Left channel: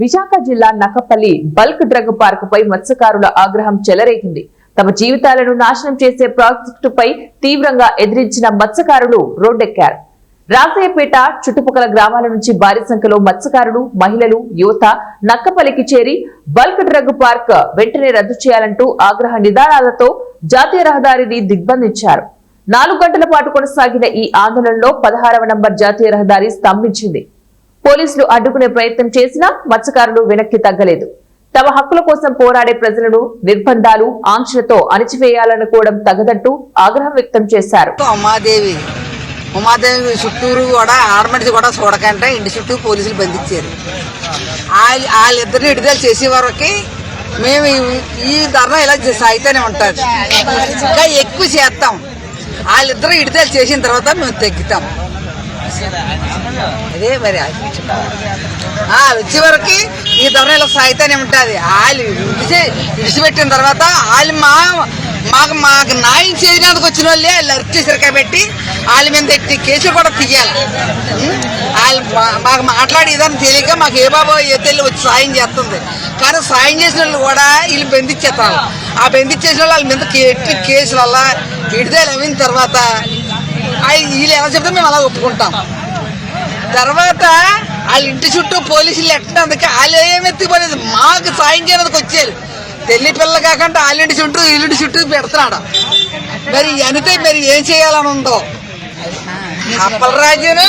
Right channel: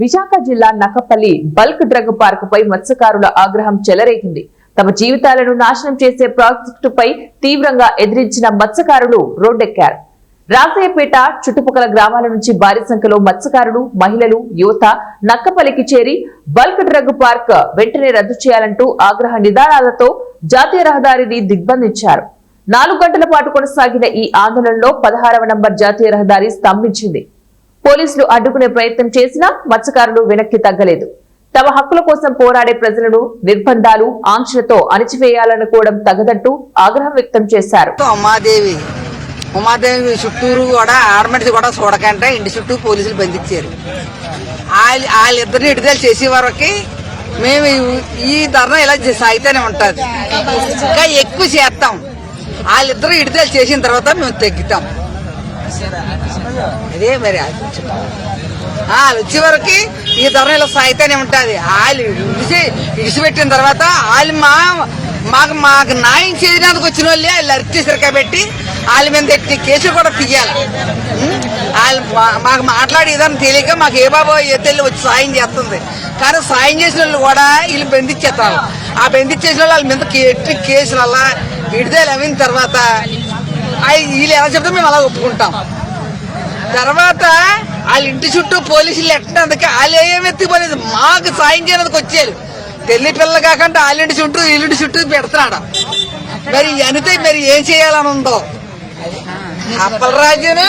విశాఖ జిల్లా Nakkapalli bulk drug park పై మత్స్యకారుల ఆగ్రహం చెలరేగింది. తమ జీవితాలను నాశనం చేసే ప్రాజెక్టుపై తీవ్రంగా ఎదిరించిన మత్స్యకారులు రోడ్డెక్కారు. రాజయ్యపేట చుట్టుపక్కల గ్రామాల నుంచి భారీ సంఖ్యలో మత్స్యకారులు, మహిళలు, యువత నక్కపల్లికి చేరి బల్క్ డ్రగ్ పార్క్ వెంటనే రద్దు చేయాలంటూ ఆగ్రహ నినాదాలతో జాతీయ రహదారిని దిగ్బంధించారు. 4 గంటల పాటు కొనసాగిన ఈ ఆందోళనలో 16వ నంబర్ జాతీయ రహదారి స్తంభించింది. పోలీసులు అడ్డుకునే ప్రయత్నం చేసినా మత్స్యకారులు వెనక్కి తగ్గలేదు. తమ హక్కుల కోసం పోరాడే ప్రజలను నిర్బంధాలు, ఆంక్షలతో అణిచివేయాలనుకోవడం తగదంటూ ఆగ్రహం వ్యక్తం చేశారు. ఉమాదేవి చుట్టూరు కూడా ఆర్మెంట్స్ కూడా చూడకంటే ఇంటి చుట్టూ పోలీసులు బంధించారు. వాళ్ళిద్దరిని విడుదల చేసే వరకు మేము ఈ ధర్నా ఇలా సాగితేనే ఉంటుంది. ఇంకా ఎక్కువ చేస్తాం. వాళ్ళిద్దరు విడుదల చేసిన తర్వాత మేము తగ్గుతాం. అదే మరి వచ్చే వరకు ఈ ధర్నా ఇలా సాగితేనే ఉంటుంది. వాళ్ళు విడిచిపెట్టిన తర్వాత వాళ్ళు మాకు న్యాయం చేయడానికి వచ్చిన వాళ్ళే వాళ్ళు అరెస్ట్ చేశారు కాబట్టి వాళ్ళ మీద కేసులు కూడా తీయాలి. వాళ్ళు మాకు మాట్లాడి ఏదైనా తెలియక మాకు ఏ బాబో ఏ తెల్లి వచ్చి సాయం చేస్తుంది. కానీ సాయం చేసిన వాళ్ళు కూడా వీళ్ళు బంధించేస్తారు. ఆ బంధించేసిన వాళ్ళ మీద కేసులు అలా విడుదల అయిన తర్వాత వీళ్ళు ఎలా చెప్తే మేము అలా ఒప్పుకుంటాం. తర్వాత వాళ్ళ ఇంటి చుట్టూ పోలీసులు ఎట్టడానికి వాళ్ళు ఏమెత్తిపోలేదు. మాకు సాయం చేయడానికి వచ్చేది తెల్లి పిల్లలు కాకుండా వాళ్ళింటి చుట్టూ వీళ్ళింటి చుట్టూ పెడుతున్నాడు. మరి అనితే మరి ఏం చేయాలని ఉందో అప్పలరాజుని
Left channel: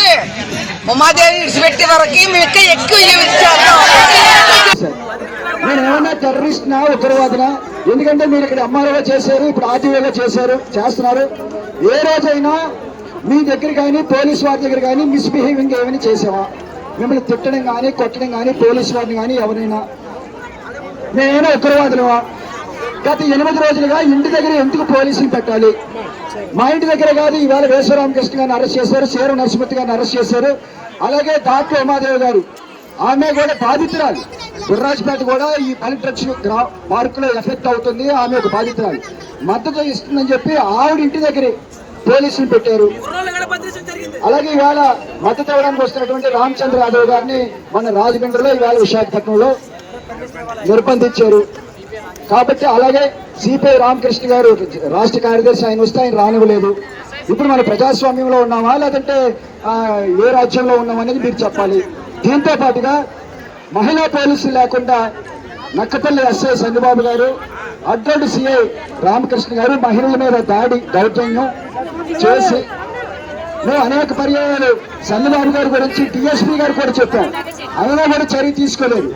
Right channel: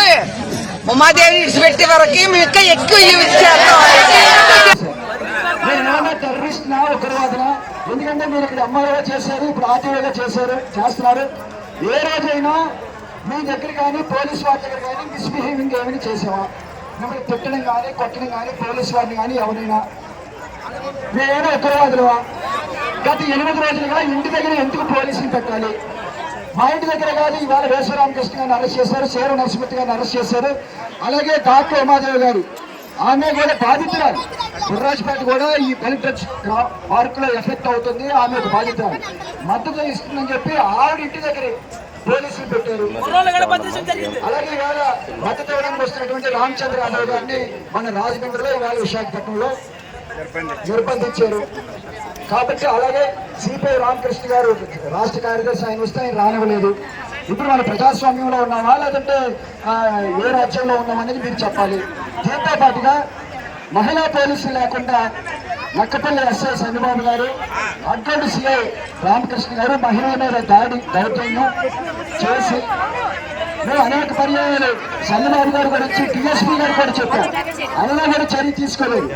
ఉమాదేవి విడిచిపెట్టే వరకు మేము ఇంకా ఎక్కువ నేనేమన్నా టెర్రరిస్ట్ నా ఉగ్రవాదినా? ఎందుకంటే మీరు ఇక్కడ ఎంఆర్ఓగా చేశారు, ఇప్పుడు ఆర్టీఓగా చేస్తున్నారు. ఏ రోజైనా మీ దగ్గర కానీ పోలీసు వారి దగ్గర కానీ మిస్బిహేవింగ్ ఏమైనా చేసావా? మిమ్మల్ని తిట్టడం కానీ కొట్టడం కానీ పోలీసు వారిని కానీ ఎవరైనా నేనేమో ఉగ్రవాదులవా? గత 8 రోజులుగా ఇంటి దగ్గర ఎందుకు పోలీసులు పెట్టాలి? మా ఇంటి దగ్గర కాదు, ఇవాళ వేశ్వరామకృష్ణ గారిని అరెస్ట్ చేశారు, సేర నరసింహ గారిని అరెస్ట్ చేశారు. అలాగే డాక్టర్ ఉమాదేవి గారు, ఆమె కూడా బాధితురాలు. గుర్రాజపేట కూడా ఈ పనిట్రక్స్ పార్క్ లో ఎఫెక్ట్ అవుతుంది, ఆమె ఒక బాధితురాలు. మద్దతు ఇస్తుందని చెప్పి ఆవిడ ఇంటి దగ్గర పోలీసులు పెట్టారు. అలాగే ఇవాళ మద్దతు ఇవ్వడానికి వస్తున్నటువంటి రామచంద్ర యాదవ్ గారిని మన రాజమండ్రిలో, ఇవాళ విశాఖపట్నంలో నిర్బంధించారు. కాబట్టి అలాగే సిపిఐ రామకృష్ణ గారు రాష్ట్ర కార్యదర్శి, ఆయన వస్తే ఆయన రానివ్వలేదు. ఇప్పుడు మన ప్రజాస్వామ్యంలో ఉన్నామా లేదంటే ఏ రాజ్యంలో ఉన్నామనేది మీరు చెప్పాలి. దీంతో పాటుగా మహిళా పోలీసులు లేకుండా నక్కపల్లి ఎస్ఐ చంద్రబాబు గారు, అడ్డంటి సిఐ రామకృష్ణ గారు మహిళల మీద దౌర్జన్యం చేసి మేము అనేక పర్యాయాలు చంద్రబాబు గారి గురించి టీఎస్పీ గారు కూడా చెప్పాం, అయినా కూడా చర్య తీసుకోలేదు.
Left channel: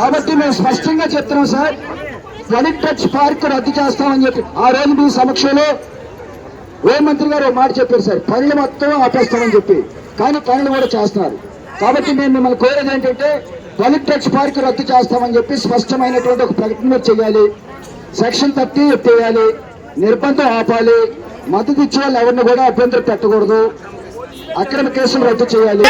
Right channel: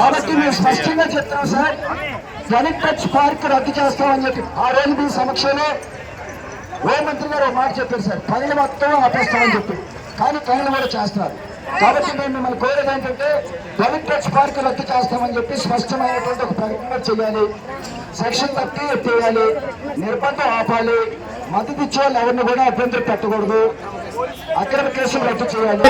కాబట్టి మేము స్పష్టంగా చెప్తున్నాం సార్, బల్క్ డ్రగ్ పార్క్ రద్దు చేస్తామని చెప్పి ఆ రోజు మీ సమక్షంలో హోంమంత్రి గారు ఒక మాట చెప్పారు సార్, పనులు మొత్తం ఆపేస్తామని చెప్పి. కానీ పనులు కూడా చేస్తున్నారు. కాబట్టి మేము మిమ్మల్ని కోరేది ఏంటంటే బల్క్ డ్రగ్ పార్క్ రద్దు చేస్తామని చెప్పి స్పష్టమైనటువంటి ఒక ప్రకటన చేయాలి. సెక్షన్ 30 ఎత్తేయాలి, నిర్బంధం ఆపాలి, మద్దతు ఇచ్చే వాళ్ళు ఎవరిని కూడా అభ్యంతరం పెట్టకూడదు, అక్రమ కేసులు రద్దు చేయాలి.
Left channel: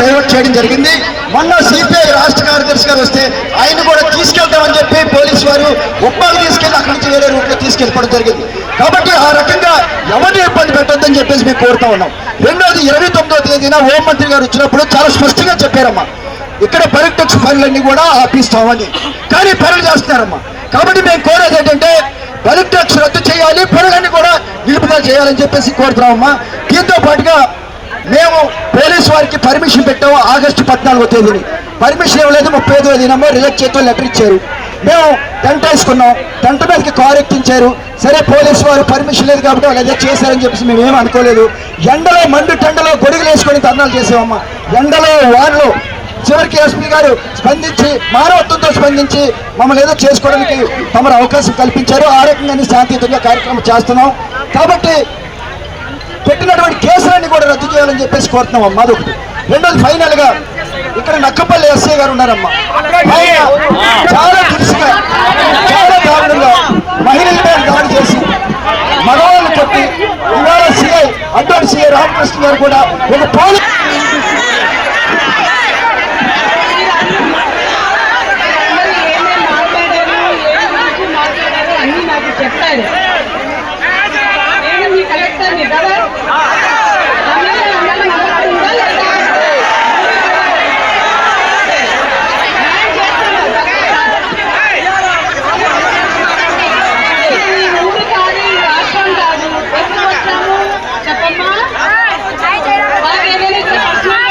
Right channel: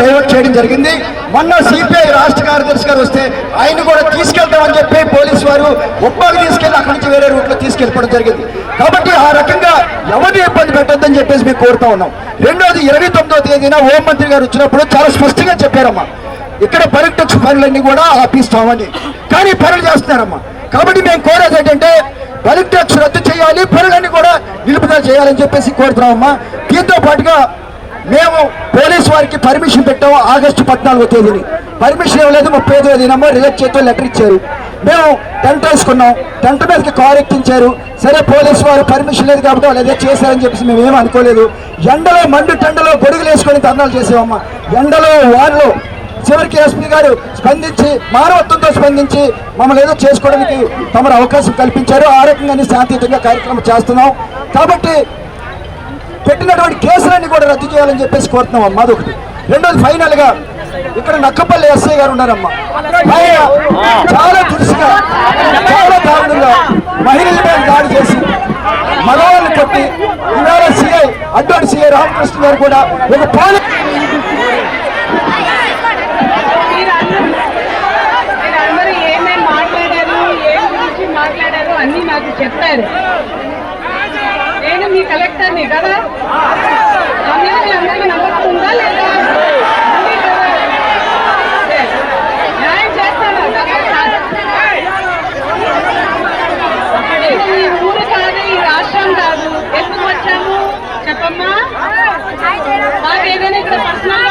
డైవర్ట్ చేయడం జరిగింది. మొన్న సిపిఐ రాష్ట్ర కార్యదర్శి గారు వస్తే ఆయన కూడా తీసుకెళ్తామని చెప్పి పోలీసు వారు ఉప్పాలు తీసుకెళ్లి అక్కడి నుంచి వేరే రూట్లో తీసుకెళ్ళిపోవడం జరిగింది. కాబట్టి ఆ రకంగా ఎవరిని ఇబ్బంది పెట్టొద్దని చెప్పేసి మేము కోరుతా ఉన్నాం. రెండోది 29వ తేదీన హోంమంత్రి గారు వచ్చినప్పుడు చాలా స్పష్టంగా చెప్పారమ్మా, ఇక్కడ బల్క్ డ్రగ్స్ పనులన్నీ కూడా ఆపిస్తామని. కానీ పనులు చేస్తున్నారమ్మా. కాబట్టి మేము కోరేది ఏంటంటే బల్క్ డ్రగ్స్ రద్దు చేయాలి, పనులన్నీ కూడా నిలుపుదల చేయాలని చెప్పేసి కోరుతున్నామమ్మా. దీంతో పాటుగా మేము పోలీసు వారికి పర్మిషన్ పెట్టాము ఆగస్టు 14వ తేదీని. పర్మిషన్ ఇవ్వలేదు, 35వ తేదీనమ్మో రిజెక్ట్ చేస్తూ లెటర్ ఇచ్చారు. మేము టెంట్ వేసుకున్నాం, టెంట్ మీదకి కారు ఎక్కించారు. సరే పోలీసు వారు పర్మిషన్ లేదు కాబట్టి వాళ్ళు ఏదో చేశారని చెప్పేసి మేమేం అనుకోలేదు. ఎండలో మండు టెండలో గొడుగులు వేసుకొని ధర్నాలు చేసామమ్మా. ఎండలో వానలో చివరికి ఎస్పీ గారు స్పందించి మానవత్వంతో స్పందించి మమ్మల్ని ఏదో చేసుకోవడానికి తమరు అవకాశం కల్పించారు. ఆ రకంగానే శాంతియుతంగా కార్యక్రమం చేస్తున్నాం. కాబట్టి పెట్టినటువంటి కేసులన్నీ కూడా రద్దు చేయాలని చెప్పేసి కోరుతున్నాం. మాదొకటి. రెండోది ఫైనల్ గా ఇక్కడ నక్కపల్లి ఎస్ఐ గారు ఉన్నారమ్మా. ఆయన చాలా దురుసుగా, చాలా దారుణంగా మహిళలపై దాడి చేసి మగవాళ్ళని కొట్టి ఇవాళ సిఐ అడ్డంటి సిఐ రామకృష్ణ గారు కూడా ఒక పోలీస్ అన్ని నాకు చెప్పారు. నేను మీ కలెక్టర్ని కదా, అందరికీ నమ్మకం ఉందా లేదా? ఏమైనా ఇట్లా పర్సనల్